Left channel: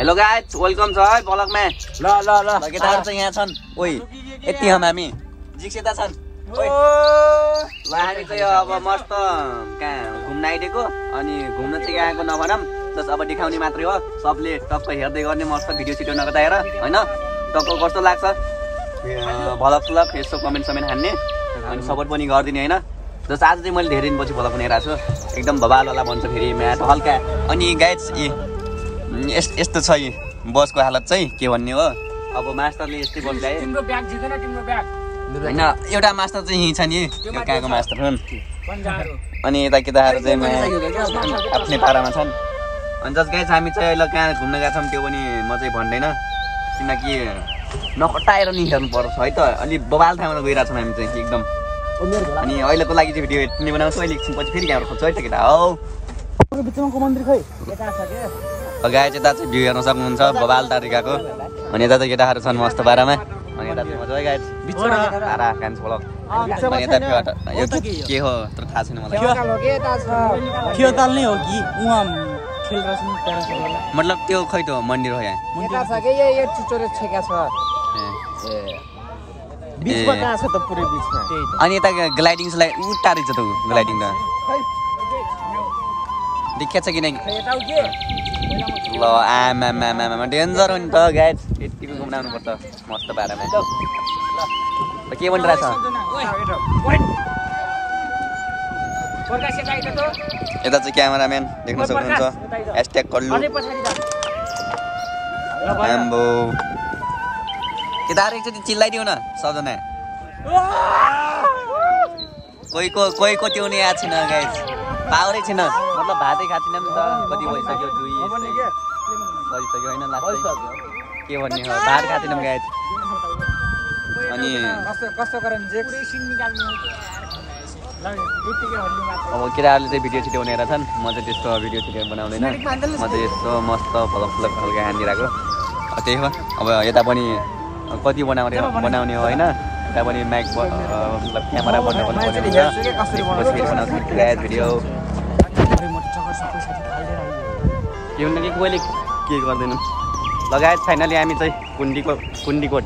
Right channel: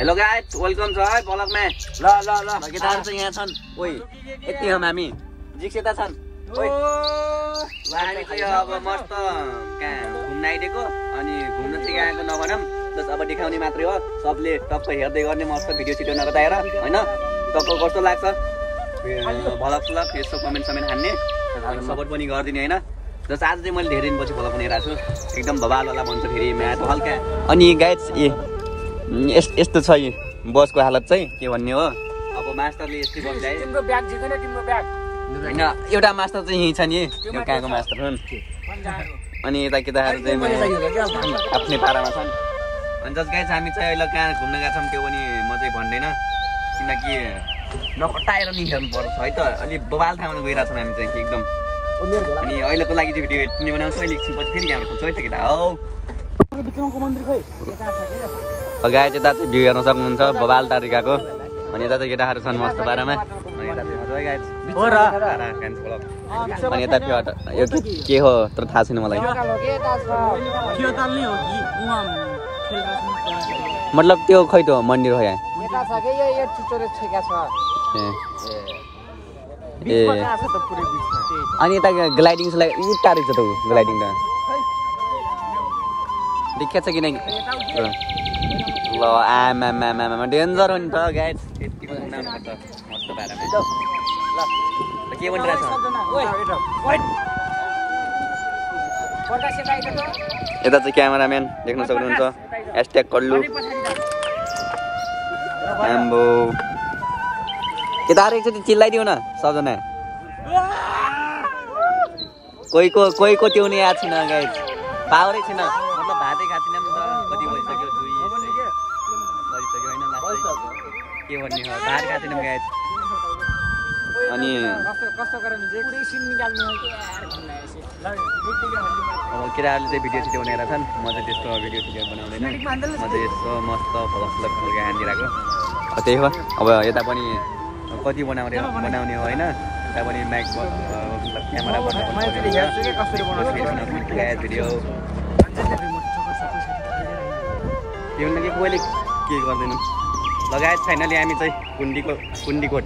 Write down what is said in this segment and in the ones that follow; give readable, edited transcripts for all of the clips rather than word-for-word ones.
Hello guys welcome छ है ब्लगमा ल केटाहरु चाहिँ यहाँ छन् ओइ यति हामी जिक्सेता छन् ओइ ल हामी चाहिँ अब मस्त कहाँ घुम्न आइदिएको अनि घुम्न चाहिँ आएको नभनम बस अब देखाउने मात्रै हो सबले टक्क हेर्दै गर्ने मस्त भिडियो छिटो नगताएर हैन टक्क कस्तो लाग्छ भलक यस्तो कमेन्ट हान्ने अनि सपोर्ट पनि गरिदिने हैन जस आज चाहिँ मैले धेरै दिनपछि भलक बनाइरहेको छु एकदम भबालवाला भन्छ फेरि म्याट हल्का अनि गाइस यस्तो छ यी बसको हालत चाहिँ के भन्ने हो अब मास्टरले यस्तै बस ल्याए तिम्रो ब्याग जिदैन तिम्रो ब्याग हैन एउटा मास्टर चाहिँ यही छ नि यो कहाँको मास्टर हुन् अनि यता केटाहरु चाहिँ आफ्नै पारामा छन् अनि जस गाइस हामी चाहिँ अहिले कहाँ घुम्न गएको छौं त्यो पनि म चाहिँ भन्दैन किनकि नखटाएर नि हेर्नु पर्छ है त अलि बबाल ठाउँमा गइरा छौं हामी चाहिँ एकदम अनि अहिलेको लागि चाहिँ भिडियो यति नै बनाउँछु अहिले एकछिन पछि फेरि क्यामेरा खोज्छु है त केटा हौ बिचमाको मन्दिर खै गाइस यता चाहिँ भ्यू हेर्न सक्नुहुन्छ बबाल तरिकाको अनि यता चाहिँ केटाहरु छन् मस्त पारामा अनि यता चाहिँ मजा गाइस बिचमा केटाहरु कान्छ ब्लग अनि यता फेट यो के हो तर थाहा छैन मलाई खेलताल नै हो कि उहाँ खेल रस्म मतलब त्यो खै त मन्दिर हो यहाँ मन्दिर छ के यो टिचर छेका छ बिचमा कहाँ छ त पुरै बिचमा अनि यता ग्लाइडिङ लाई उता रहेछ त ग्लाइडिङ त देखेछ कि नै ल आमा डेन्जर हो नि त गाइस यतिको घुम्नाउनु पर्छ मस्त पारामा ल के भनिरहेछ यता चाहिँ क्यामेराम्यान देख्न सक्नुहुन्छ #कल्लु आम्बो केटाहरु एकचोटि चिल्लाइदिउ न सबजना कोहीको त्यो नि याद छैन गाइस पावरै छैन मतलब भातै खाथिन नि त कति भइसक्यो दुई भइसक्यो हैन लास्ट के भन्ने हो भात खाथिन गाइस अनि कस्तो गरम जे रेसिङ निकाल्ने अब केटाहरुले चाहिँ भिडियो छिटो बनाएर छन् म चाहिँ त्यस्तो भिडियो छिटो बनाउँदैन म चाहिँ यस्तो मस्त फलक खालको हानिरहेको त्यही हो अब यता पनि कति बनाउने हो हैन यता पनि माइक मतलब क्यामेरा बन्द गर्नु पर्ने हुन्छ पछि बनाउँछु गाइस भिडियो के हुन्न कि कोहीले के गर्दैन लगायत फाइनली हामी चाहिँ कुण्डीकोट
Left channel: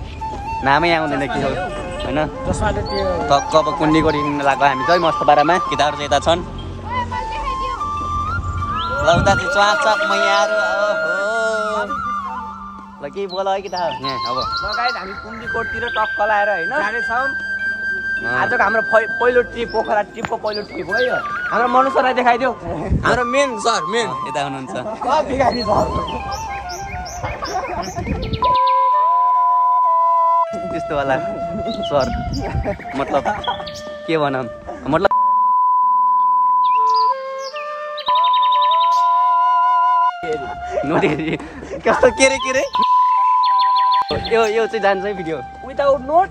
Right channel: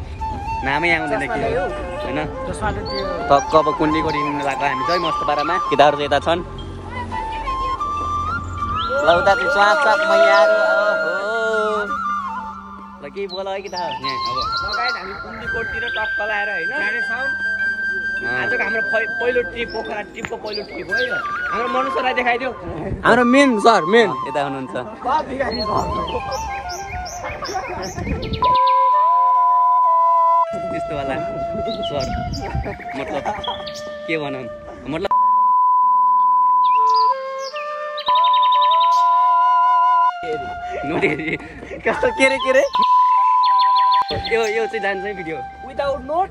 नामै आउँदैन के हो हैन टक्क अब कुण्डीकोट हिँड्न लाग्यो हामी चाहिँ मस्त पारामा केटाहरु चाहिँ यता छन् ल उता चाहिँ चाक मैयाहरु ओहो ल के बोल है केटाहरु यहाँ अब लगायत हामी कुण्डीकोटतिर टक्क लाएर हैन जानेछौं आजको हाम्रो पहिलो ट्रिप पोखरा ट्रिपको पहिलो ट्रिप हो यो हाम्रो मनु सरलाई देखाइदिउ हाम्रो मेन सर मेन यता हुनुहुन्छ त्यस्तो वाला सर मतलब के भनौं मतलब नोटेरी कस्तो के रे यो चाहिँ जान्छ है भिडियो विदाउट नोट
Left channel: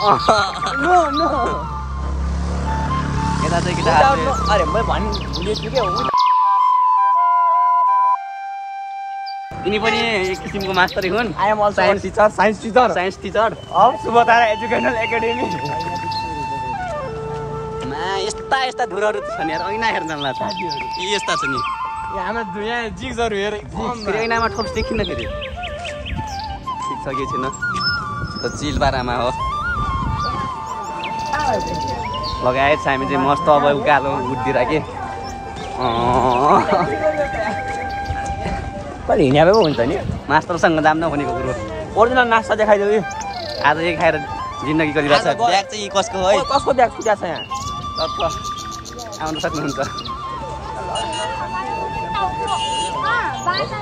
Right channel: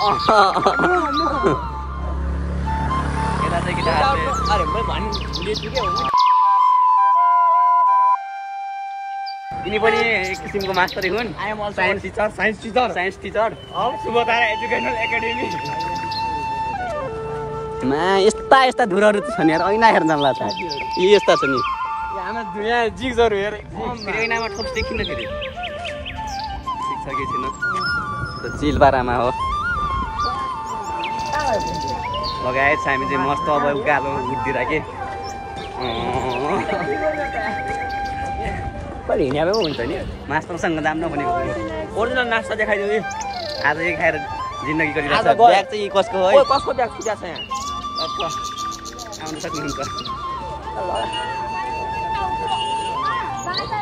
नो यता चाहिँ केटाहरुले अरे म भन्नु भुलेछु के हो तिनी पनि एक किसिमको मास्टरै हुन् I am also science teacher of Subodhara educational academy यस्ता धुरहरु छ नि यार ऐना हेर्न लाग्छ यी यस्ता छ नि हाम्रो दुनिया जिग्जहरु हेर ऐनामा ठोस देखिन्न फेरि ठीक छ के छैन त चिल पारामा हो लगायत हामी चाहिँ मस्त अब उकालो उठ्दिएर के पनि हिँड्यामै पो हुन्छ नि मास्टरसँग जाम नभनेको कुरो ओरिजिनल नास्ता देखाइदिउ आज यही खाएर जिन्दगी गरिरहेछ ब्याग चाहिँ कसको हो है कसको ब्याग छुटा छ यहाँ आउन सक्नुहुन्छ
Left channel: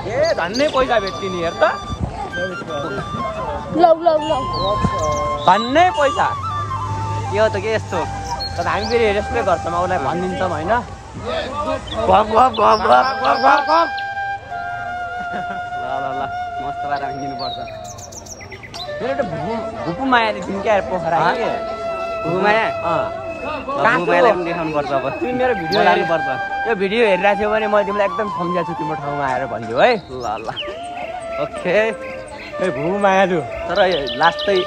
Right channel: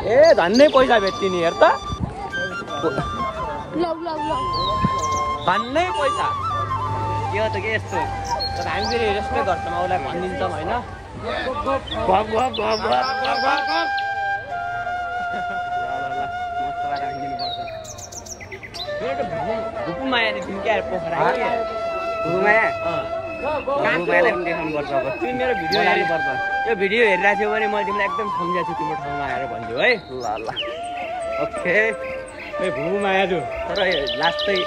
ए धन्नै पैसा भेट्ने हेर त धन्नै पैसा के हो त के यस्तो तर हामी फेरि यस्तै गर्छौँ उसलाई भनिदिन्छौँ होइन ल मस्त पारा हिँड्नुपर्छ भुपुमायाले क्या पोखरा भुपुमाया भुपुमायालाई पनि देखाउनु पर्छ अब मेरो भिडियो लानुपर्छ त्यो भिडियो हेरिरहेको थियो भने मैले तिमीलाई एकदम सम्झाएको छु तिम्रो ठाउँमा आएर भनिदियो है ल ओके भुपुमाया थियो तर लास्ट चाहिँ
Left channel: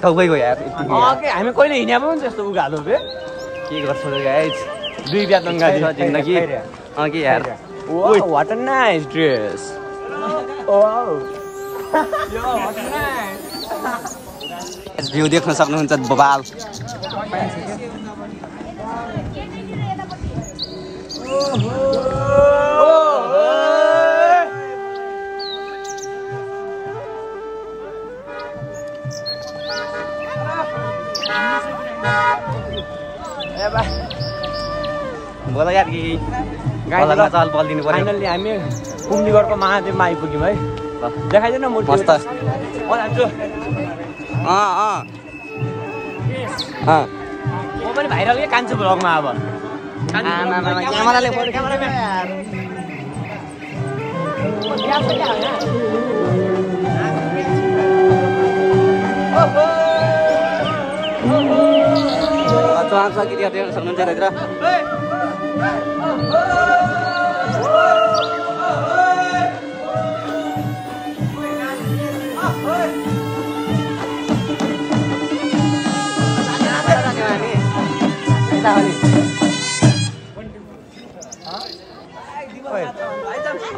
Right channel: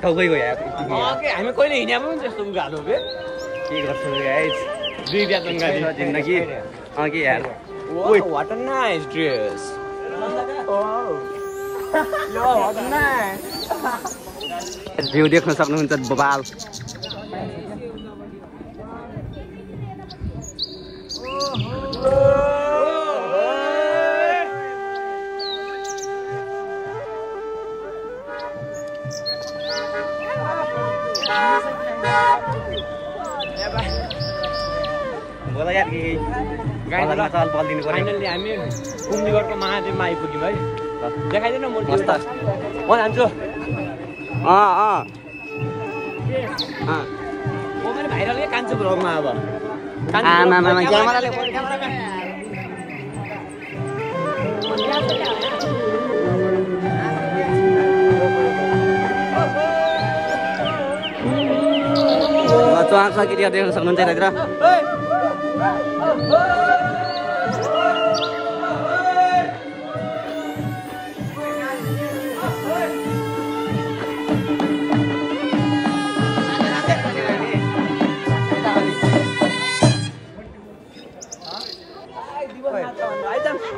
टाउकै गयो यार हामी कहिले हिँड्या पनि त्यस्तो उगालो के गर्छौ गाइस दुई ब्याग जिन्दगी कि यार Wow, what a nice dress. View देख्न सक्नुहुन्छ बबाल बोला यार कि गलमा चाल बल दिनु पर्यो फाइनली हामी कुम्लीगढको महादेवमा आइपुग्यौँ है देखाइदिनु न मूर्ति मस्त म पनि भाइरल नै कान्छु भ्लगमा अब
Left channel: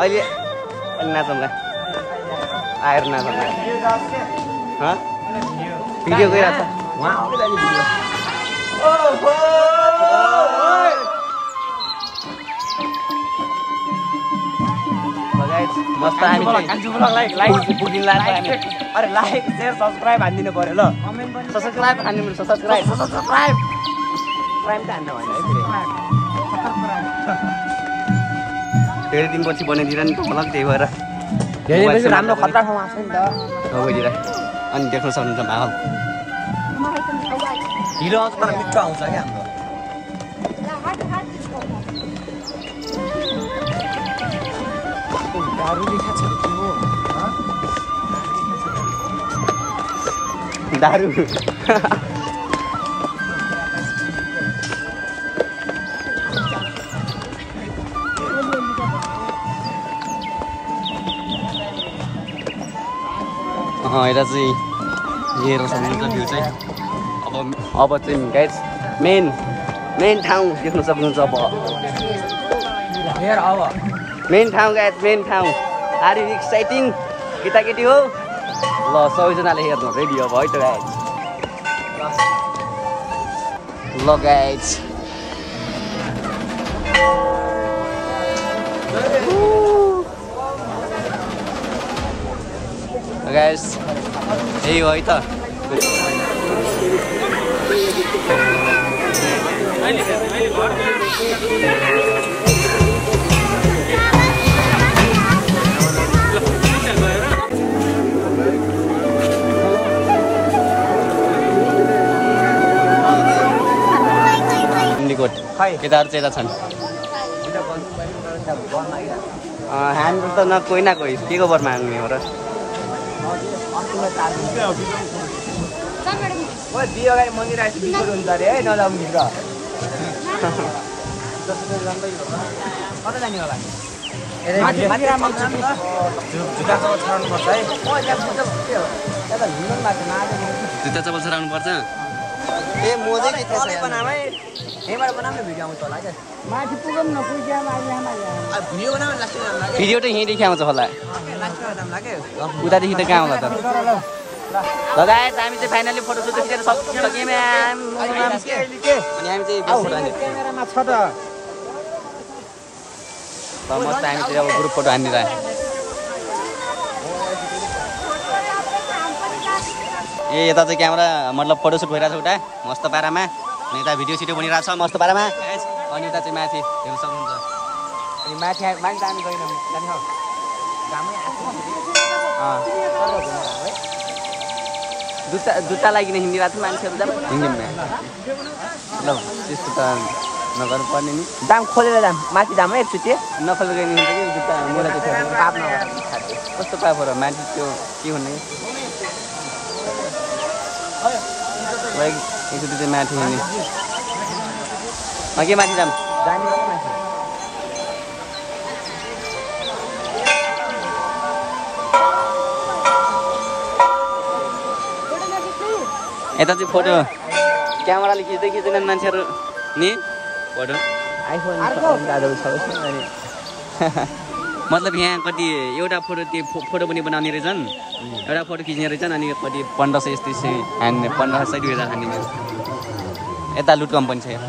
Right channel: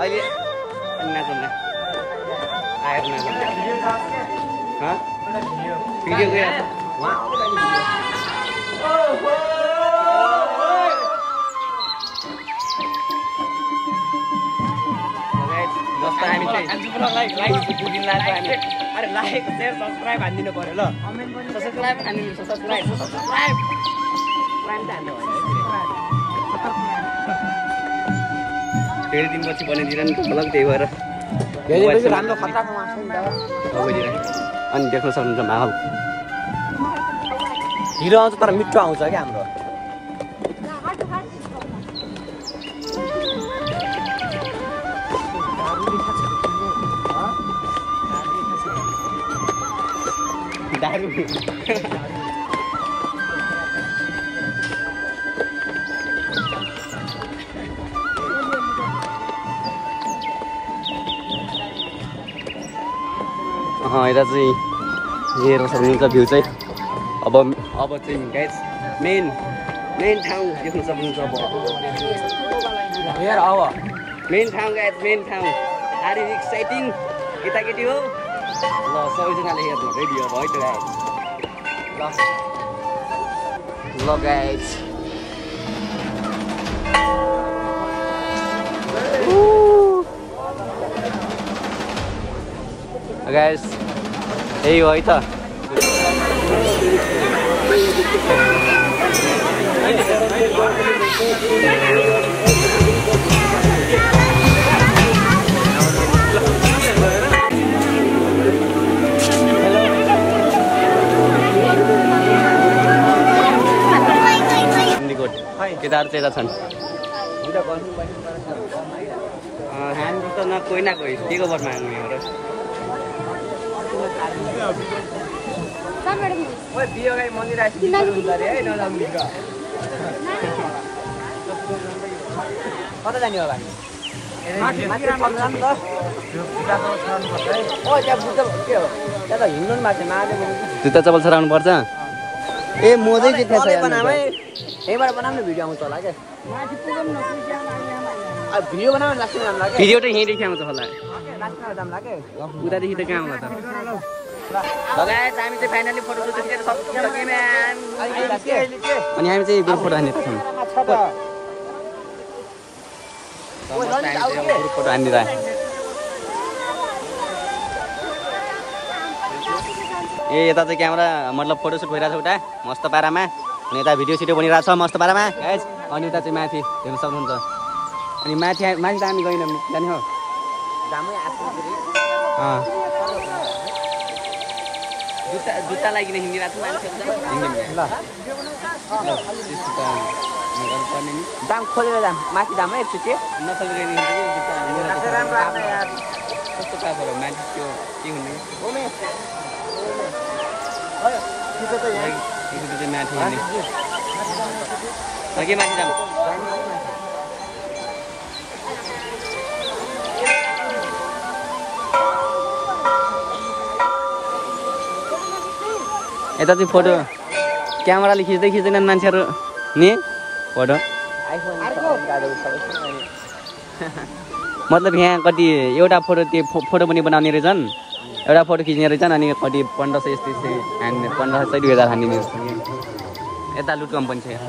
अहिले नाचौँला आएर नाचौँला भिडियो गइरहेको छ मस्त हामी चाहिँ अरे लाइक शेयर सब्सक्राइब हानिदिनु पर्यो ल सब्सक्राइब हान्नु सब्सक्राइब धेरै दिनपछि बनाइदिएर नि भ्लग त्यही भएर अनि देख्न सक्नुहुन्छ माहौल हिरो आउँछ तर मिठो आउँछ क्या हाम्रो दारू यता चाहिँ हेरेर सक्नुहुन्छ भ्यू चाहिँ अब चाहिँ गाइज मेन ठाउँ देख्न सक्नुहुन्छ अब मेन ठाउँ गाइज मेन ठाउँ आर यु एक्साइटिङ केटाकेटी हो ल सबैजनाले हेर्नु रेडी अब है त गाइज ल गाइज गाइस यही हो है त केटाहरू चाहिँ यता छन् हाम्रो त न कोही न कोही के को बर माग्ने हो र दियो गाई मन्दिर आएपछि बिचोट हुन्छ अरे है नजाउँ भित्र जुत्ता चप्पल छराउनु पर्छ ए मजै के थिएछ भिडियो त यहीँदेखि आउँछ होला उतादेखि त कहाँ आउँला त गाइस हामी चाहिँ फाइनली फोटोसुट खिचेर सक्यौँ अनि हामी चाहिँ मस्त हामी चाहिँ अब ग्रुप फोटो हानिदिएर ए यता चाहिँ क्यामेरा मतलब फोटोसुट भइरहेको छ उता मस्त पारामा अनि यता भिडियो सिडियो बनिरहेको छ मस्त पारामा अनि उता चाहिँ माथि हेर्न सक्नुहुन्छ अनि माथि त हामी गएन जाने हो जुत्ता लागिकन हिँडिरहेको थियो मान्छेहरू हिँड्नु ल त्यस्तो त नगर्नु पर्ने नि दाम खोलेर जाम माथि दाम है एकचोटि नखोलेर नि जुत्ता कस्तो टाइपको र माथि त्यो के भन्ने यसो माथि हिँड्ने के माथि जाम यता चाहिँ फोटो क्यामेराले खिच्दै खिच्दैन मान्छेहरू नि फोटो मतलब यहाँ कति एउटा फोटो त्यो फोटो पनि बनाउने रहेछन् एउटा फोटो खिच्ने रहेछन् अनि कति 1500 यस्तै हान्ने 1500 2000 हान्ने यता लुट कम्पनी छ यहाँ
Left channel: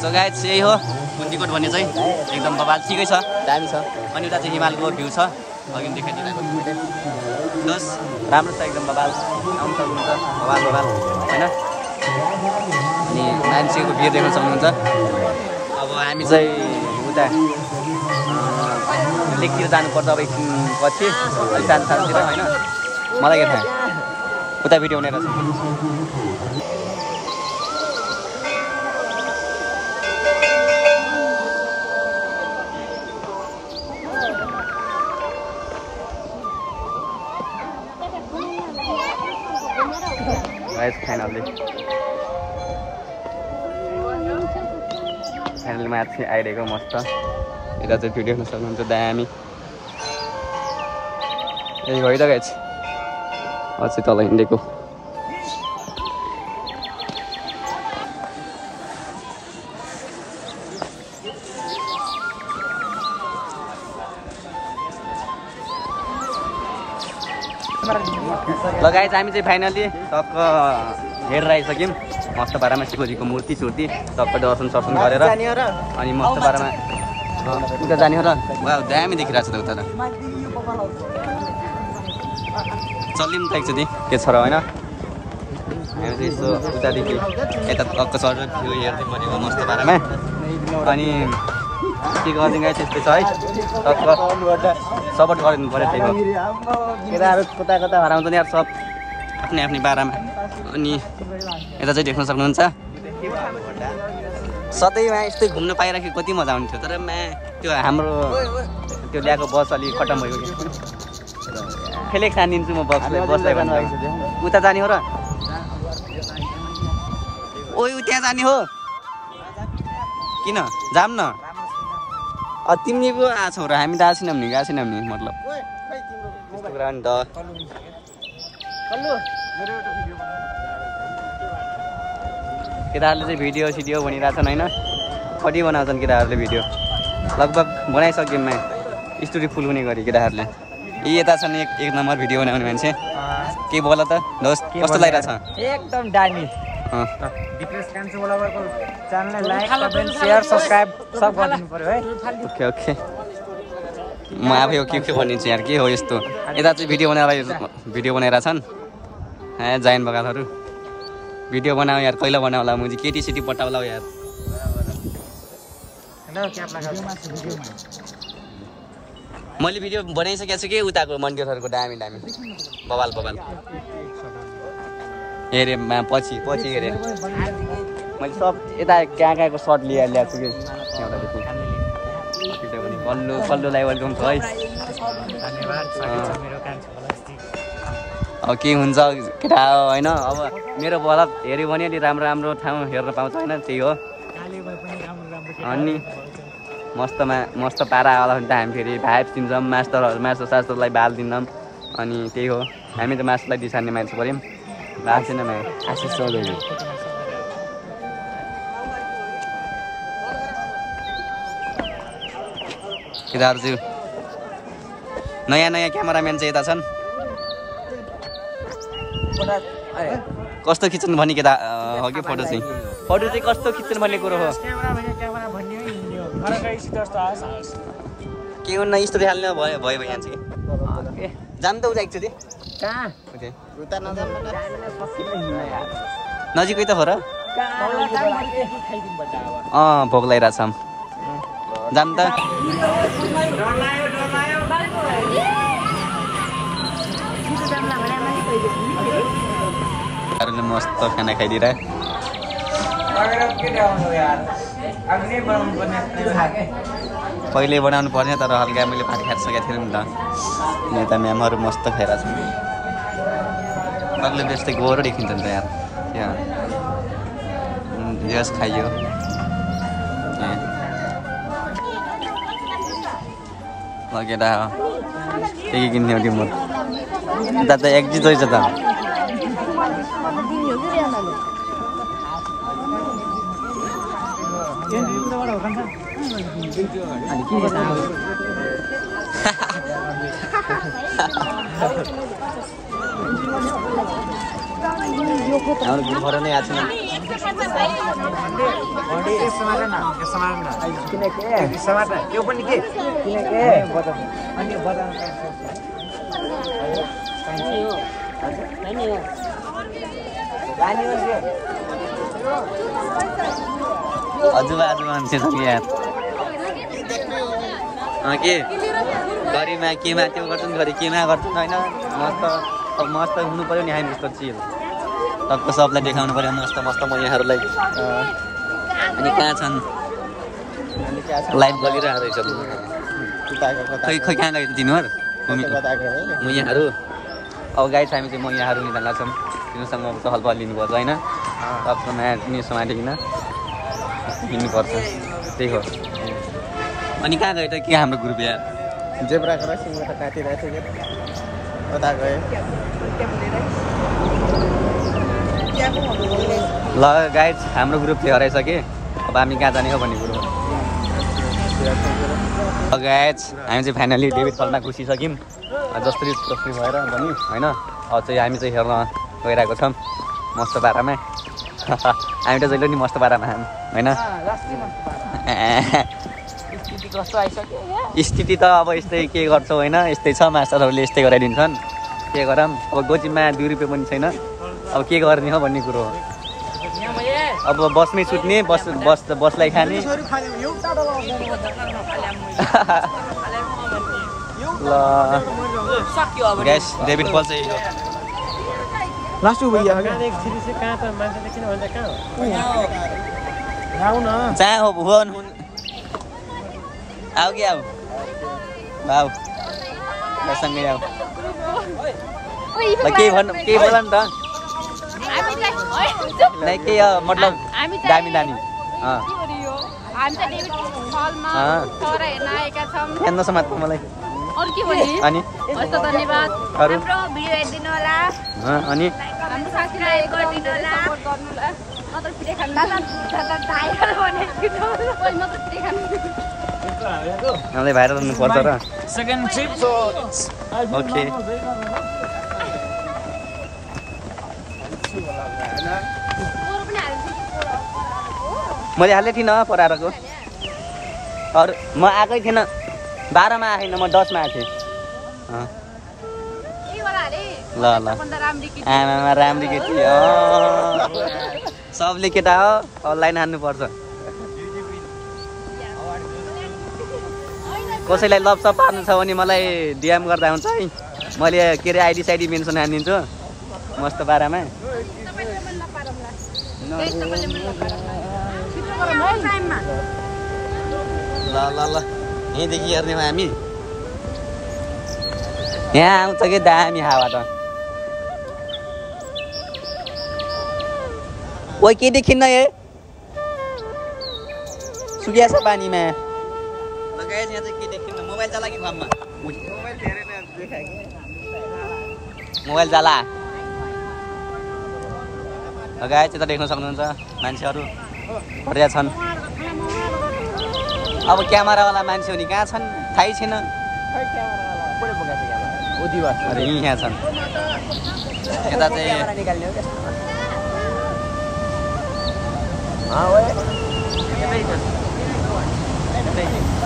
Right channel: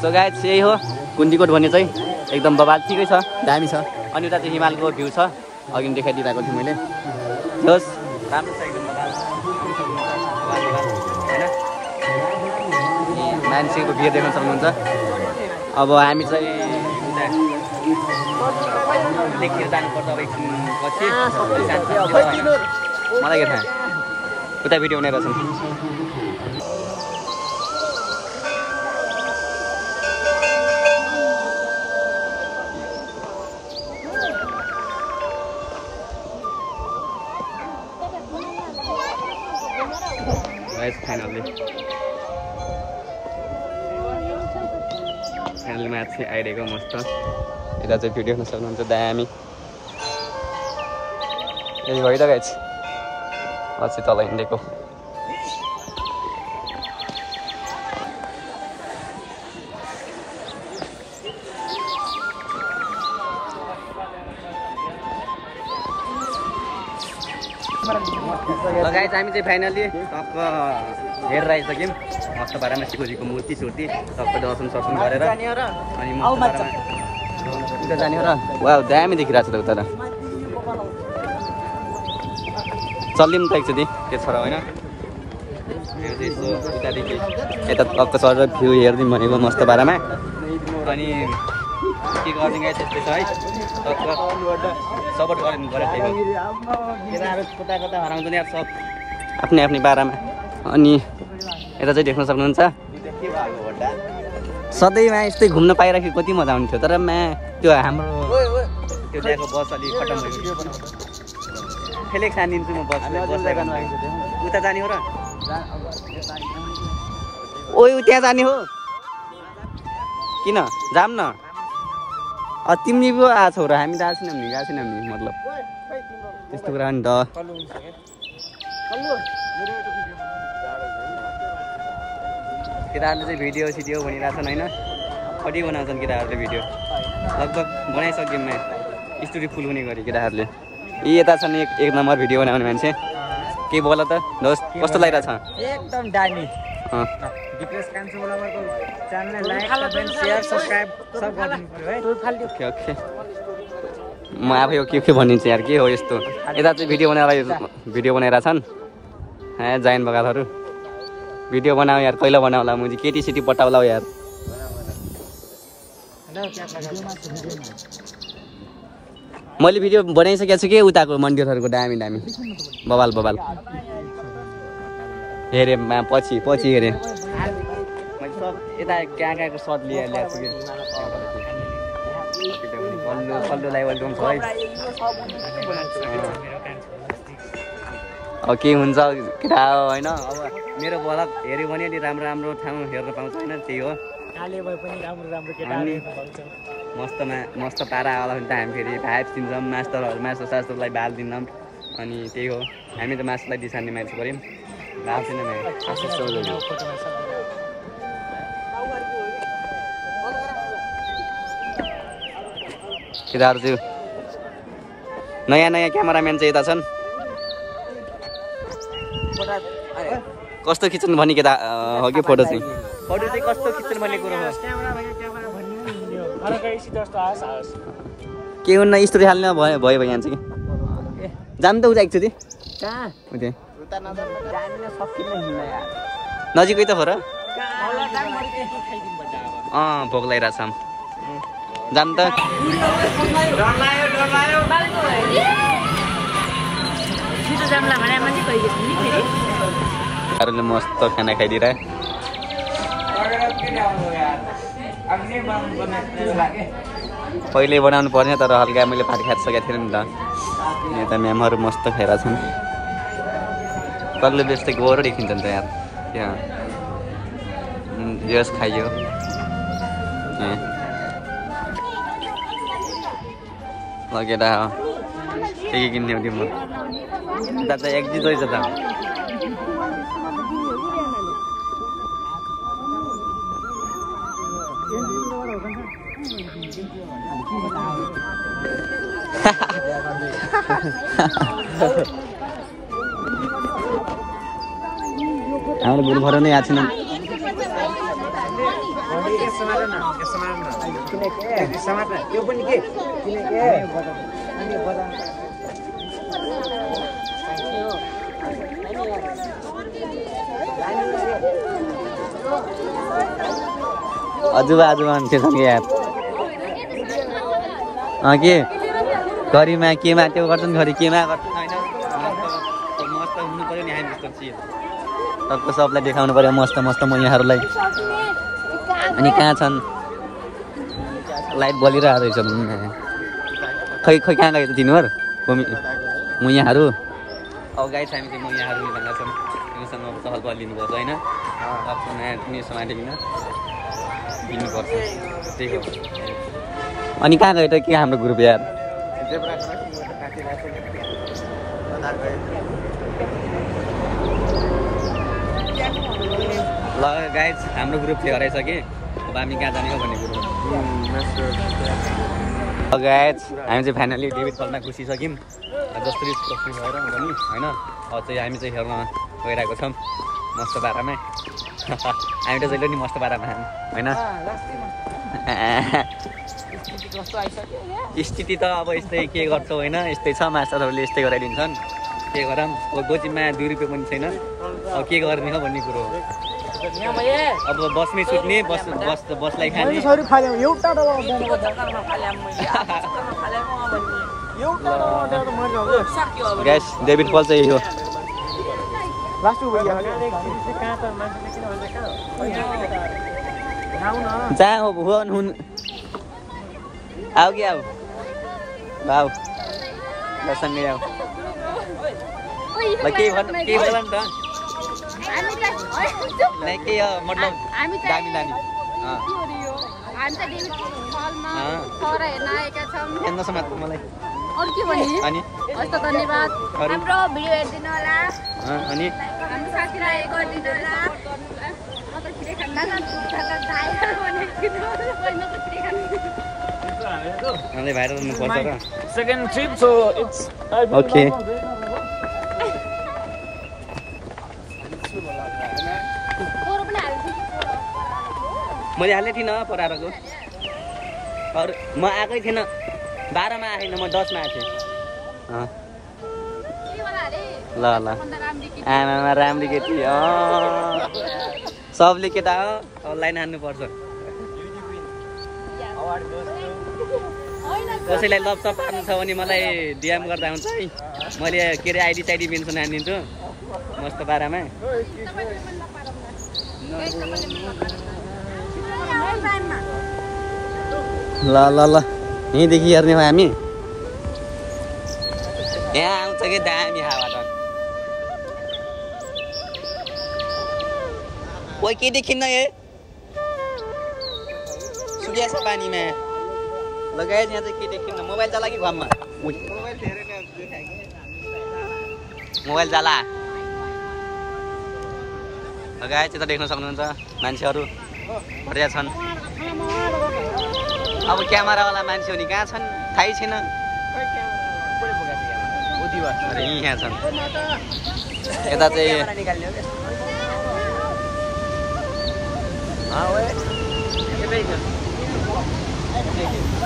सो गाइस यही हो कुन्जीकोट भन्ने चाहिँ एकदम बबाल ठिकै छ दामी छ अनि उता चाहिँ हिमालको भ्यू छ अघि देखाइदिएको छु मैले बस राम्रो छ एकदम बबाल आउनु सक्नुहुन्छ बबाल हैन अनि मान्छेको भिड देख्न सक्नुहुन्छ अब हामी चाहिँ उता लेकतिर जानुपर्छ अब एकछिन पछि अलि सानोतिर होइन मलाई के थाहा उता भिडियो बनाएर छ फाइनली माथि आइरहेको मस्त यता चाहिँ भिडियो हेर्न सक्नुहुन्छ दामी यही भयो त गाइस पछि तल हिँडेको ल गाइस हामी चाहिँ फाइनली टक्क हेरेर आइसक्यौँ मस्त पारामा शिवजीको मूर्ति छुर्ती टक्क दर्शन सर्शन गरेर अनि मस्त पारामा उता जाने हो र वा दामी देखिरहेको छ त उता त चल्दिउँ त एकचोटि के छ र होइन हामी चाहिँ यसो उतादेखि यता टक्क चढेर भ्यू हेर्दिउँ मस्त पारामा अनि के गरिदिउँ गाइस त्यस्तै छ है टक्क सपोर्ट गरिदिनु पऱ्यो त्यही हो केटाहरू कता कता हराउँछ नि यार सब आफ्नै आफ्नै पारामा अनि यता चाहिँ देख्न सक्नुहुन्छ सधैँमा यस्तै घुम्न पाइराखेको कति मजा आउँथ्यो तर त्यो हाम्रो त्यो ल्याएको बस अलिक खत्तम भयो फेलेक सानिदिन्छु म बसलाई भन्छ उता जाने हो र ओ त्यहाँ जाने हो किन जाम न तिमी पो आएको छौ र हामी त आएको छैनौँ नि मतलब त्यस्तो कुरा नि त केटाहरूले चाहिँ भिडियो सिडियो भनिरहेछन् होइन कति बनाउँछन् केटाहरूले भिडियो लगभग बनाइसक्यौँ स्टोरी फुल हुने गरी केटाहरूले यी यता छन् एक नम्बर भिडियो बनाउने मान्छे के बोल त दोस्त कस्तो लागिरहेछ एकदम दामी दिपेश कान्छो ब्लगरको च्यानललाई लाइक कमेन्ट शेयर सब्स्क्राइब सब गरिदिनु पर्यो है ओके म आफै हो के भनिन्छ यार के हो यस्तो यता चाहिँ भिडियो बनाइरहेछन् जाइन बगालहरू भिडियो बनाऊ यार कहिले बनाउला मुझे केटी सेटी पटाउला यार मैले भिडियो बनाइसकेको छु कि उताको मन्दिरहरूको दामी दामी बबाल बबाल हेरेँ पछि हेरेँ मैले सब यता कहाँको सर्ट ल्याएको छु कि कल्लुलाई वेलकम छ है अब के हुन्छ केटा होइन अब मेरो ब्लग हेऱ्यो भने अलि राम्रो राम्रो ठाउँ हेर्न पाउँछ होइन त्यही हो अनि मस्त पारा होला भने त हामी फेरि भाइब्स दिन्छौँ मासु सासुलाई बाल दिन्छौँ अनि त्यही हो हामी त मासुलाई दिसार्ने मान्छे पऱ्यौँ बाल छैन केटाहरू चाहिँ नयाँ क्यामेराम्यान चाहिँ यता छन् कस्तो खिच्नु भन्ने केटा हो कि फोटो चाहिँ कस्तो खिच्नु भन्ने कुरो हो के हुन्न स्टोरी हाल्न भयो यहाँ चाहिँ जानु त उता एकचोटि नजिकै त हो र भोक लगाइरहेछ जानु त मस्त खाना खाइदिएर पहिले बनाउनु पर्ने तर हल्का मैले भात खाइसकेको थिएँ नि त यता म्यामहरू मस्त खाइरहेको छन् कहिले बेच्दै गोरो देखिन्छ नि त यार त्यहाँ जस खाइयो लगेर के किन्ने हो तिम्रो उता त एक्जिट रहेछ त अनि हाम्रो बुढो घर नै आएको यो पनि के हजुर मान्छे छ कि यार के गरिमा केमा त्यो गर्छन् छोरी केमा गर्छन् होइन मस्त हुनु पऱ्यो नि हामी जस्तो चिज सबको सबलाई देखाउनु पऱ्यो मस्त मस्त यहाँहरूलाई अनि कहाँ छन् लाइट बलिरहेको रहेछ खै खै कहाँ गएको तिनीहरू मुयाहरू अब गाई छ हामी चाहिँ मुयाहरू निकाल्न छौँ तिनीसँग अब चहलपहल लिनुपर्छ होइन सबको नयाँ पनि समातिकन हिँड्नुपर्छ त्यही हो अनि कहाँ गयो त के हाम्रो ग्रुप यार ल गाइज हाम्रो ग्रुप थियो हराइसक्यो अब हामी कहाँ जाने हो भन्ने कुरो हो गाइज हामी चाहिँ फाइनली डेभिड फलमा घुसिसक्यौँ जसरी जसरी भएर भनौँ होइन अब चाहिँ हामी चाहिँ हेर्न गइरहेको छौँ मस्त पारामा हामी त जहिले नि मस्त पारामा होइन स्थिति त अब यस्तै के गर्छौ होइन यस्तै छ मास्टरहरूले यस्तै गराइदिन्छन् के गरौँ अब गोजीमा 2 रुपियाँ पनि छैन अब के गर्ने हो भन्ने कुरो हो अब बसमै सुत्ने बसलाई खाने ल ग्यास डेभिड फल चाहिँ यो जहाँ हो भुवन हुन् आऊ कि आऊ भाउ ल सँगै आऊ ल केही बोल नि त के मतलब दामी दामी हेर्नु समात मलाई अनि धन्यवाद अरू भिडियो हेरिदिनु होला अनि हाम्रो साथीलाई गरिदिनु होला नत्र पिठे खान्दा भाइरल बनाइदिनु मलाई भाइरल हुनु पर्छ र second trip so it's okay मैले हालेको थिइनँ परारको अरू म आएकै थिएन 12 मा आएन म 10 मा आएको थिएँ ल आमामा राम्री केटी सबले केटा हो अनलाइन हान्नुपर्छ कसैलाई लपसप पार्नु छ भने मलाई डिएम गर्दा हुन्छ है मैले के अरे आइडी साइडी मेन्सन हानिदिन्छु मस्त पारामा ल ल ल यहीँदेखि हेर्ने हो हामी यहाँ आउँछ कि दामी हावा त ओ के देखिन्न ए सुकिया छ पानीमा लगाए यहाँ चाहिँ के देखिन्न मोबाइल जाला कि घरमा मोबाइल जाला लगाए चाहिँ त देख्न सक्नुहुन्छ मान्छेहरू पर्या छन् अब क्यामेरावाला मान्छे हुने कहाँ छन् थाहै छैन अरे यहाँ छन् यता चाहिँ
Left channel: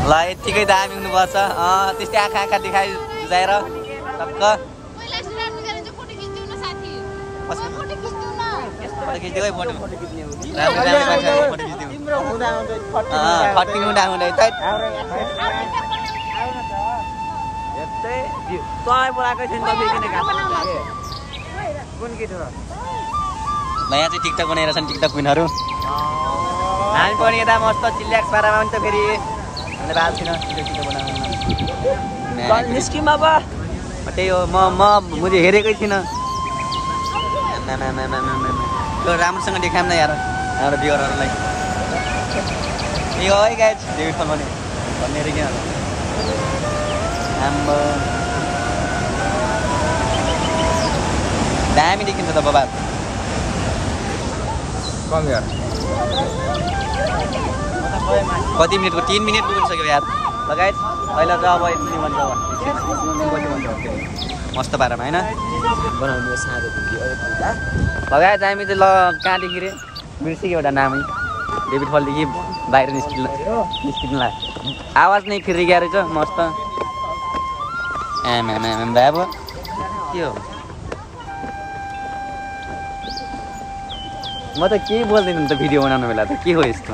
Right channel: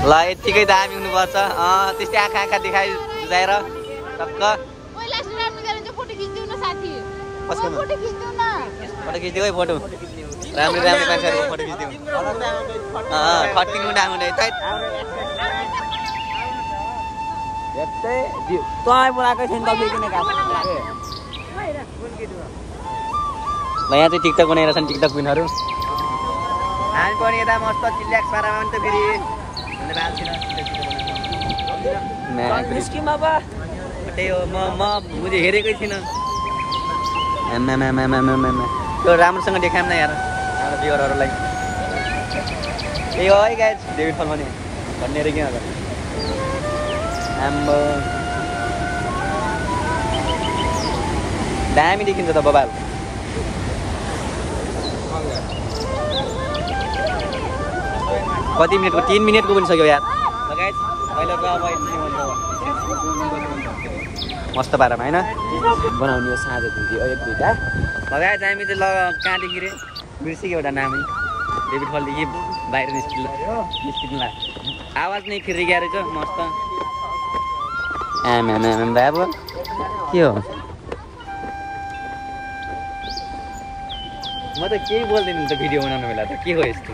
ल यत्तिकै दामी हुनुपर्छ त्यस्तै आँखा आँखा देखाइ जुझाएर टक्क फोटो खिचिदिऊ है फोटो राम्रो राम्रो मान्छेहरूको फोटो खिचिदिउँ खट्टिनु डाँगुँदै त ल यहाँ चाहिँ टिकटक बनाएर छन् टिकटक क्विनहरू हामी पनि यता मस्त चिल्याक्स पारामा पनि त फेरि हामीले भएको छैन छिटो बनाउनु त्यही हो मैले हेरेकै थिइनँ त्यो राम्रोसँग देखाऊँ न यार हाम्रो भ्युअरहरूलाई त्यही हो है गाइज डेभिड फल भने भन्ने अरे किन आम्बो दामी देखिन्छ त बबाल कति मिनटको 3 मिनट पुगिसक्यो यार लगायत अहिले त अब यति नै भन्छ मस्त पारामा होइन बनाउने साँझ लगायत हामी चाहिँ ल कहाँदेखि रे बिर्सेको एउटा नाम डेभिड फलदेखि बाहिर निस्किनु लाग्यो आवाज नै फेरि गएर रहेछ मस्त आम बाबु के हो म त केही बोल्दैन नि त भिडियो बनाउनु बेला त के हो यस्तो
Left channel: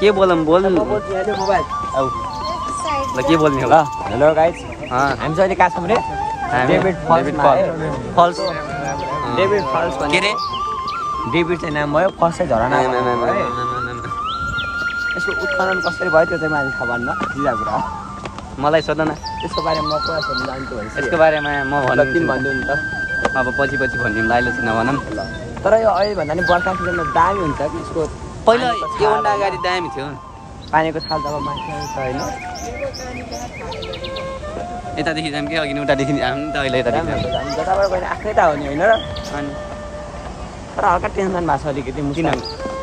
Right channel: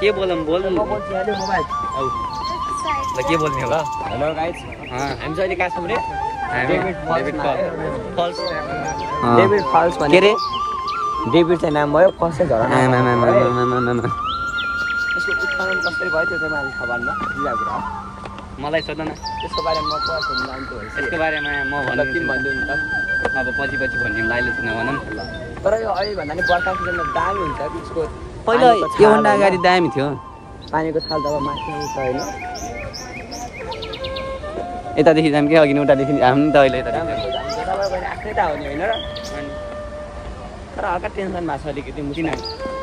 के बोलौँ बोल्नु मोबाइल ल के बोल्ने होला हेलो गाइस हामी चाहिँ अहिले कहाँ छौँ रे हामी डेभिड फल्स के रे डेभिड चाहिँ नाम भयो फर्स्ट चाहिँ झरना भनेको है यसको उत्पादन कसरी भयो त्यो चाहिँ मैले खबर न मलाई सोध न यसको बारेमा म पुरा सोध्न जान्छु भने यसको बारेमा म किन भनिदिउँ नि त अब पछि भनिदिउँ अहिले चाहिँ नभनौँ तर यो अहिले भन्दा नि बर्खा सिजनमा दामी हुन्छ यसको पहिला योभन्दा अगाडि दामी थियो पानीको थाल जब माथि आउँछ होइन यतादेखि जाऊँ कि अघि उतादेखि आउनु त अहिले यतादेखि आफ्नै त हो नि होइन अनि तर हल्का टेन्सन भएको छ अलिकति किन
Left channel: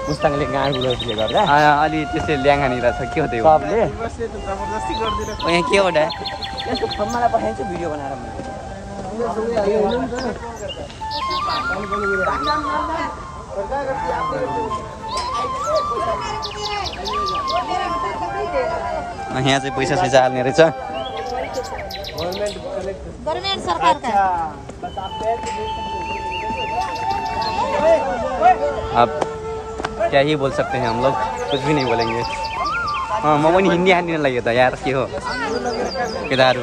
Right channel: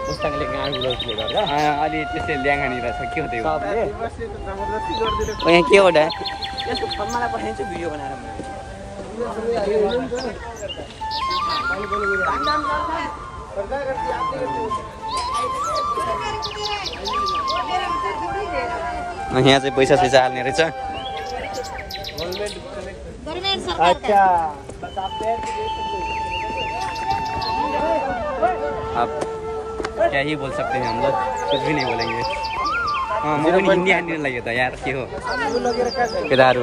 मुस्ताङले गाडी ल्याउଥିଲେ गर्दा अलि त्यस्तै ल्याङानिर छ के हो त्यो सबले यहाँ के हो डा यसको मलाई पठाइन्छ भिडियो बनाएर यहाँ चाहिँ पैसा सैसा हाल्ने रहेछ अब क्या ही बोल सकते हैं हम लोग कुछ भी नहीं बोलेंगे हाँ म पनि हिन्दी आने लाग्यो त यार के हो केटाहरू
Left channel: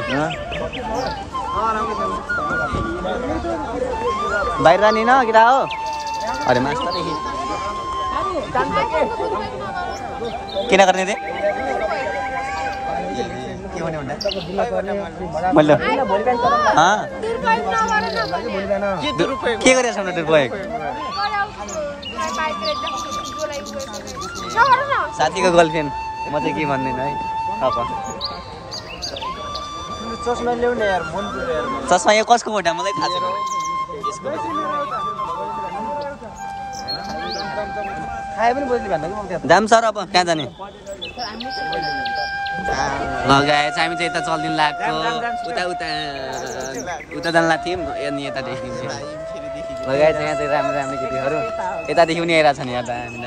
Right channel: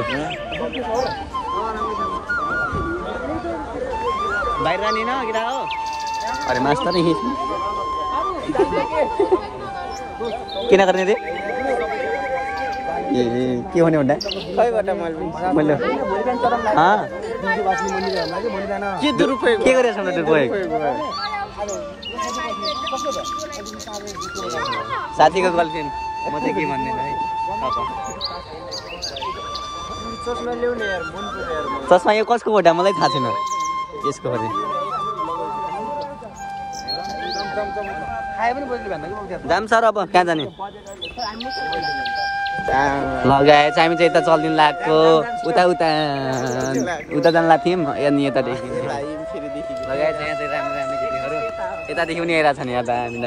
बाहिर जाने न केटा हो अरे मास्टरदेखि किन गर्ने रे के हुने भन्दा मैले के गरेछ न दुर्पयोग साथीको गर्लफ्रेन्ड म चाहिँ के भन्दैन है चस्मा यो कसको हो मलाई थाहा छैन यसको जाम सर अब कहाँ जाने लगाएछ हामी चाहिँ यता चल्दिनु लाग्यो उता जानु लाग्थ्यौँ अनि यतादेखि लगाएछ यहाँ चाहिँ राम्रो राम्रो केटीहरू यतादेखि पनि आइरहेको छ नि यहाँ दामी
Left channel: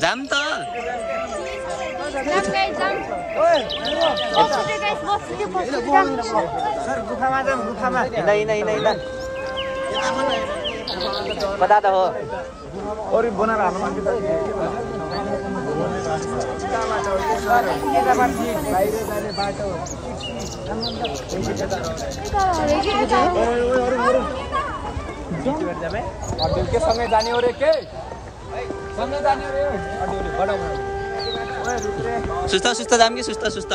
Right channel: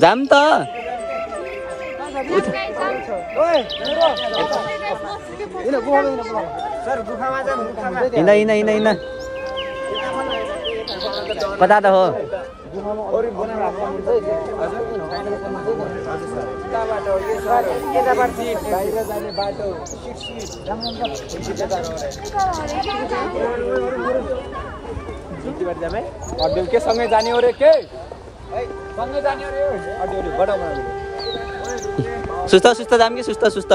जाम त हिँड कता त हो अरे बनाएर सँगै जाने हो रे के सँगै जाने सुस्त जाम कि सुस्त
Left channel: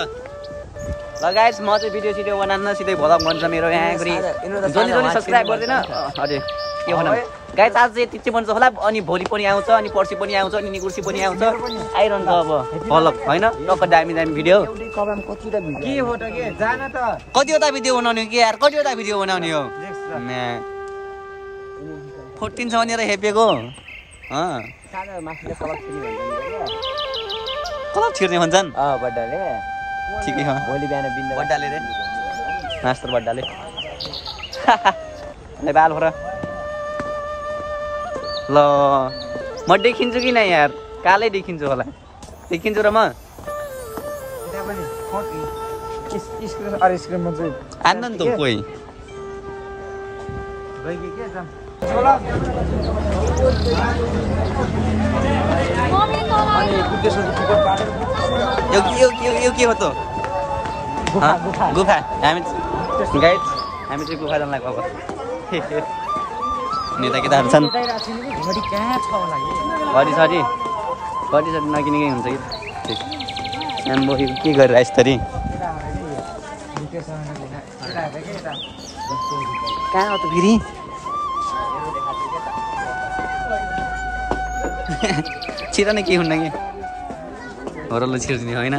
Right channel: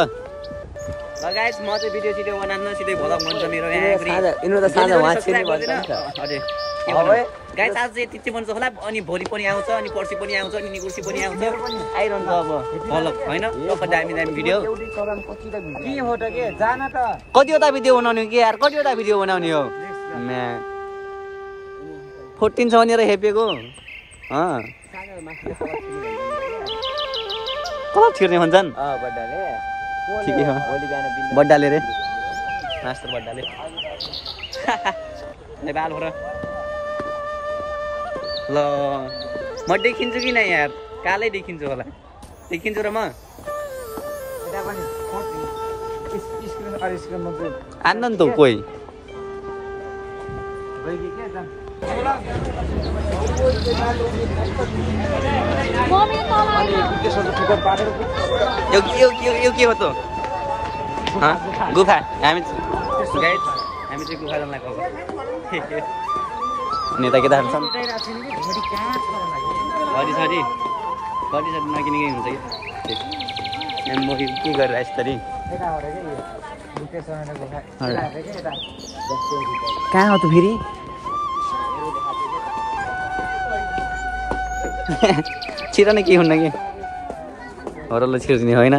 लगायत म चाहिँ भिडियो सिडियो बनाउन सिधै भ्लग भन्छ मेरो यहाँ जसले सब्सक्राइब गर्दैन अरे के भनौँ गाइस आज चाहिँ त्यति भन्छ होला अनि भोलि पनि आउँछ अनि पर्सि पनि आउँछ अनि निकुर्सी पनि आउँछ आइरहन्छ अब भ्लग होइन टक्क दामी भिडियो के हो त के जान त कतिवटा भिडियो बनाउने कि यार कतिवटा भिडियो बनाउने हो 14 छ भनेर हेपेको कलर छिर्ने भन्छन् ठिकै हो बड्डाले रे मास्टर बड्डाले बाल हो र ल म देखिन्छु कि न यार कालै देखिन्छु होला देखिन्छु र म आन्न नि त कोही यो के हो त गुफा हामी चाहिँ गुफा जान लाग्यो अब नेता केटाहरू छन् घडी सरी नकिनेकै हुन्छ कि आम्बो के गरेर यस्तरी कहाँ हो त फेरि छिर नै के हुन्न कि हरल्लो छिर्ने होइन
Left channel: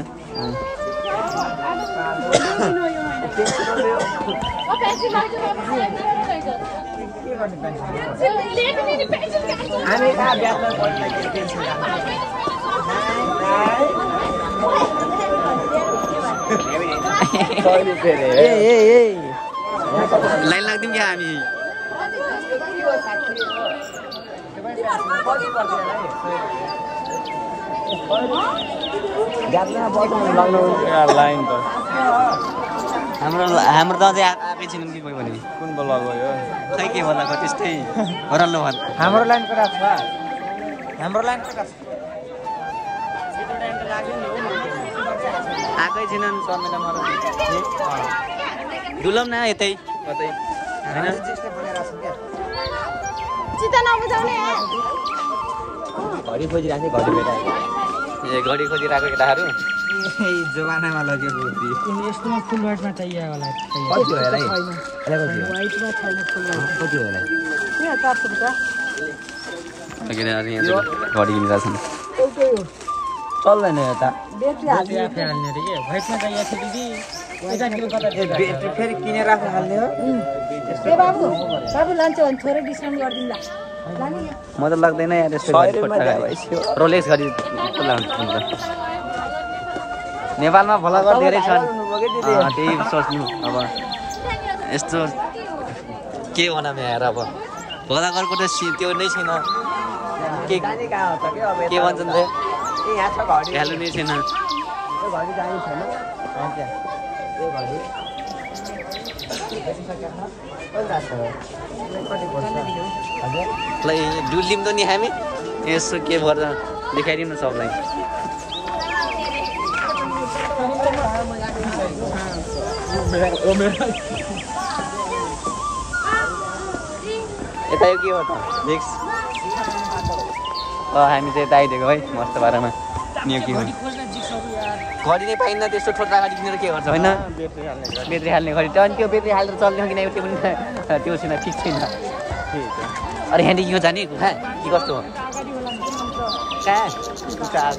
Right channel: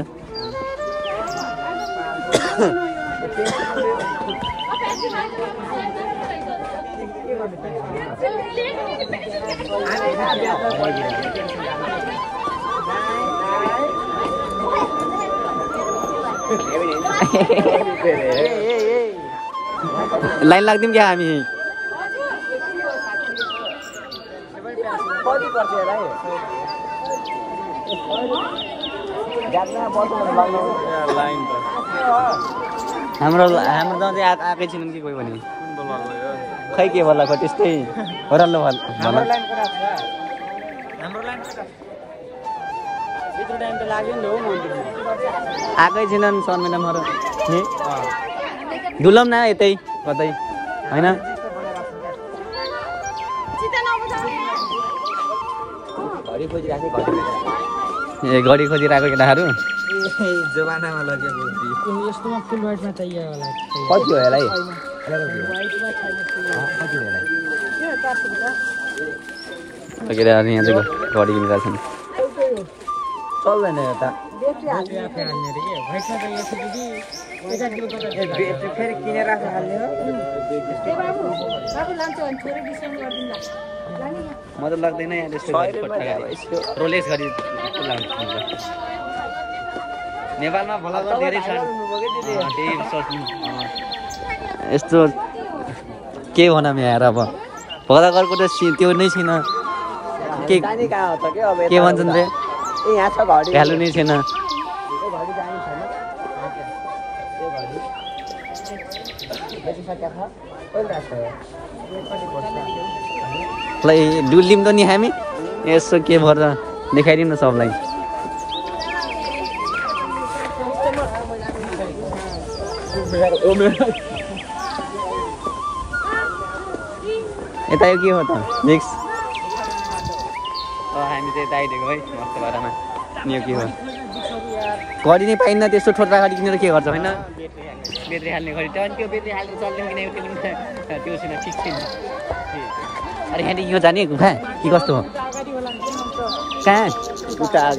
लाइन लाग्दियौँ क्या हामी हाम्रो दजै आएकै छैनन् कि कोही पनि खै के बोलाको त्यस्तै हराल्लो भल हाम्रो लाइनको राख छ हाम्रो लाइनको राख आएकै छैनन् डुलौँ न यतै कतै होइन घडी खोजिरहेको केटाहरू जमानामा लगेको यस्तोमा फुल वाइटमा चाहियो होला कति हो होला केटाहरू यहाँ घडी किनेका छन् चल्दैन यता फेरि किनेर हाल्ने म त लाग्दैन यार यस्तो घडी रोलेक्स घडी हुन्छ नेपालमा भ्लगर धेरै छन् त्यही सोच्नु अब यस्तो के भनौँ यहाँ अब भ्लगरको त त्यो नै छैन के भन्छन् चाहिँ भ्यालु नै छैन डुलिम त नि हामी यसो के भएर देखाइदिउँ न सबलाई यता के भयो त नेक्स्ट हामी चाहिँ यता आइदिएको है मस्त बारेमा नि के हो घडी नै पाइन्न त्यस्तो छोटा घडी किनेर के गर्छ होइन बेट्री हाल्ने घडी अनि त्यो बेट्री हालेर चल्दैन किनकि त्यो पनि त्यो छैन ठिक छैन अरे ह्यान्डी यो जाने कहाँ के कस्तो हो कहाँ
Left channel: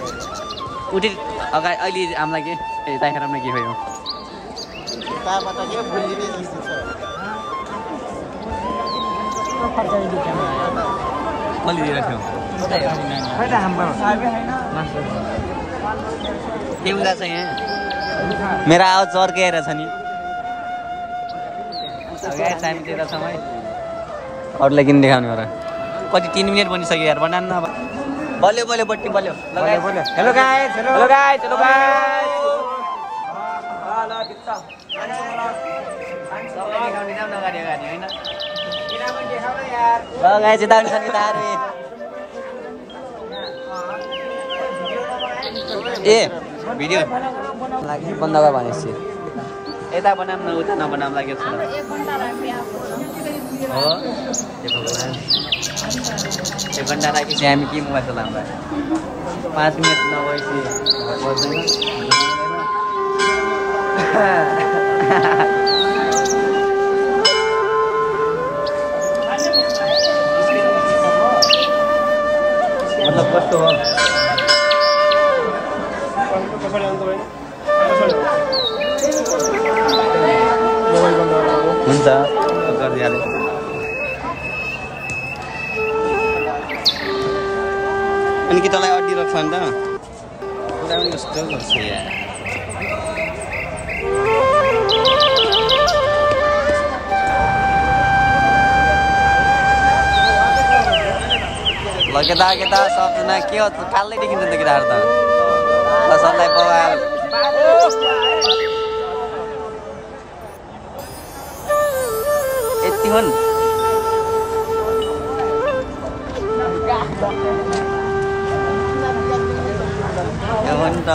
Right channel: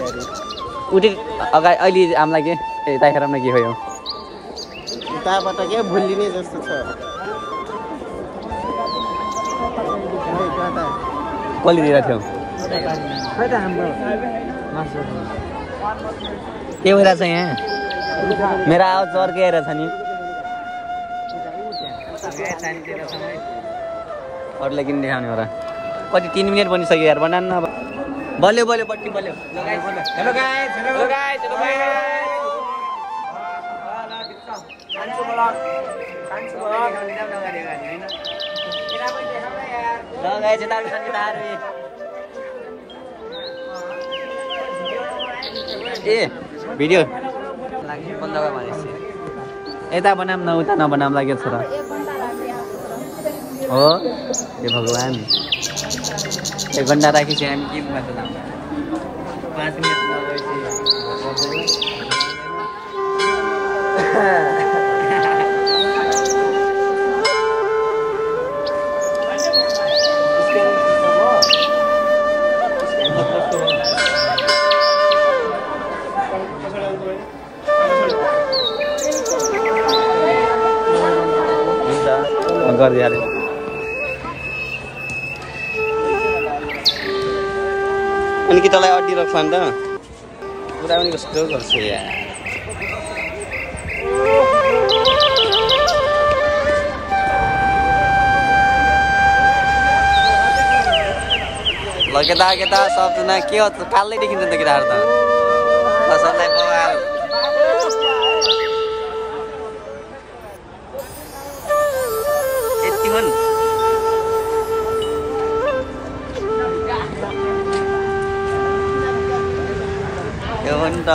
उठे अगाडि अहिले हामीलाई के यता खेरमा के हो यो कसले दिएको थियो के भइरहेछ यहाँ मेरो आवाज चर्केर छ नि हामी त्यता छौँ है अरूलाई किन देखाउने हो र कति 3 मिनट बनिसक्यो यार बनाउनु न अब बल्यो बल्योपट्टि बल्यो ए भिडियो लागि बन्द भयो भनेपछि यता बनाऊँ न उता नबनाऊँ लागेको छ हो ए भगवान् 1 घन्टा राखी चाहिँ हामी के मोबाइल चलाउँदा 5 मिनट नभएपछि कस्तो हो हुन्छ गरिहाले अनि कि तँलाई अड्डी राख्छ नि त कुरा पनि कस्तो गर्छ यार ल केटा सबजना के हो कालै देखिन्छ त केटाहरू त सबलाई बवाल यति हुन् यो हो नि त